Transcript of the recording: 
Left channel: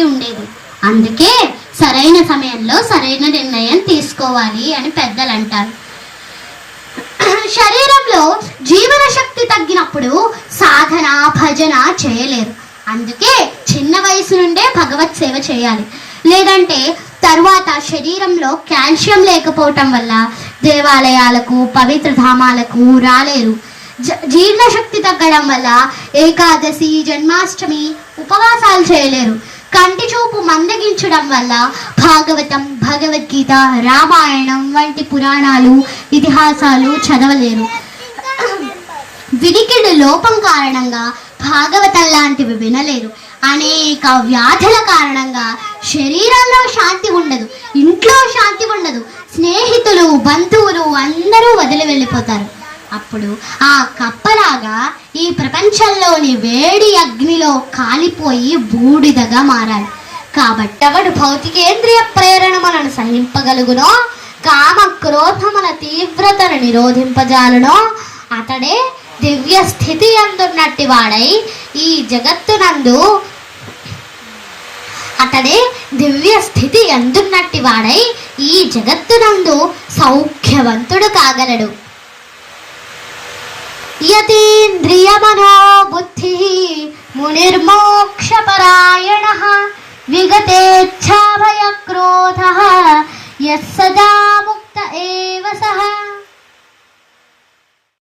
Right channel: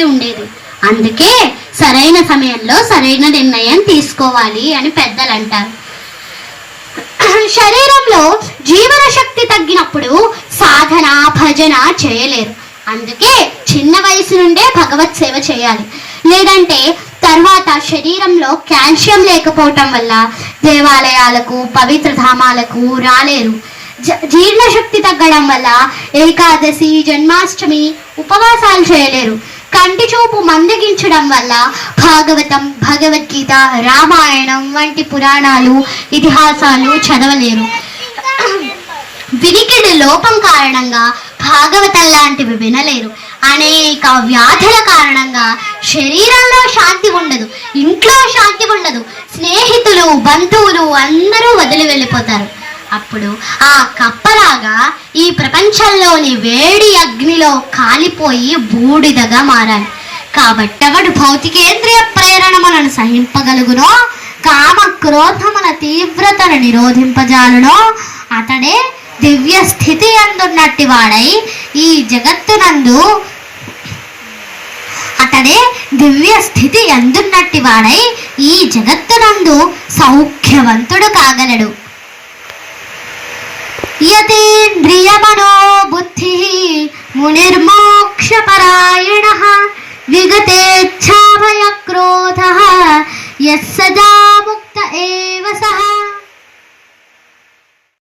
వారికి ఉండేది. అందుకే సరైన సమయంలో సరైన నిర్ణయం తీసుకోవాలి అని పెద్దలు అంటారు. శరీరంలో జీవన శక్తి తగ్గినప్పుడు సాధన భజన చేయలేరు. అందుకే చిన్న వయసు నుండే భగవత్ సేవ చేయాలి. లేదంటే తర్వాత శరీరంలో కాల్షియం లేకపోవటం వల్ల దేవాలయాలకు పవిత్ర ధామాలకు రాలేరు. జీర్ణశక్తి తగ్గడం వల్ల ఏకాదశి జన్మాష్టమి ఉపవాసాలు చేయలేరు. కంటి చూపు మందగించడం వల్ల భాగవతం భగవద్గీత రామాయణం వంటి పురాణాలు ఇతిహాసాలు చదవలేరు. వినికిడి లోపం కారణంగా భాగవతం లాంటివి వినలేరు. అనేక వ్యాధుల కారణంగా శరీరంలో శాంతి ఉండదు, ఇంట్లో శాంతి ఉండదు. స్నేహితులు బంధువులు అందరూ వదిలి వెళ్ళిపోతారు. అప్పుడు ఆ కప్పలాగా ఈ ప్రపంచంలోని వేడి అగ్నిలో కాలిపోయి బూడిదగా మారాలి. కాబట్టి అవడు భౌతికేంద్రియ ప్రేరణలను సహింపగలుగునో కామ క్రోధముల తీవ్రతను నిరోధింపజాలునో అతడే దివ్య స్థితి అందున్నట్టి వాడై ఈ జగత్తునందు సౌఖ్యవంతుడు కాగలడు. యతేంద్రియమనో బుద్ధి మునిర్మోక్షపరాయణః విగతేచ్ఛాభయ క్రోధః యస్సదా ముక్త ఏవ సః.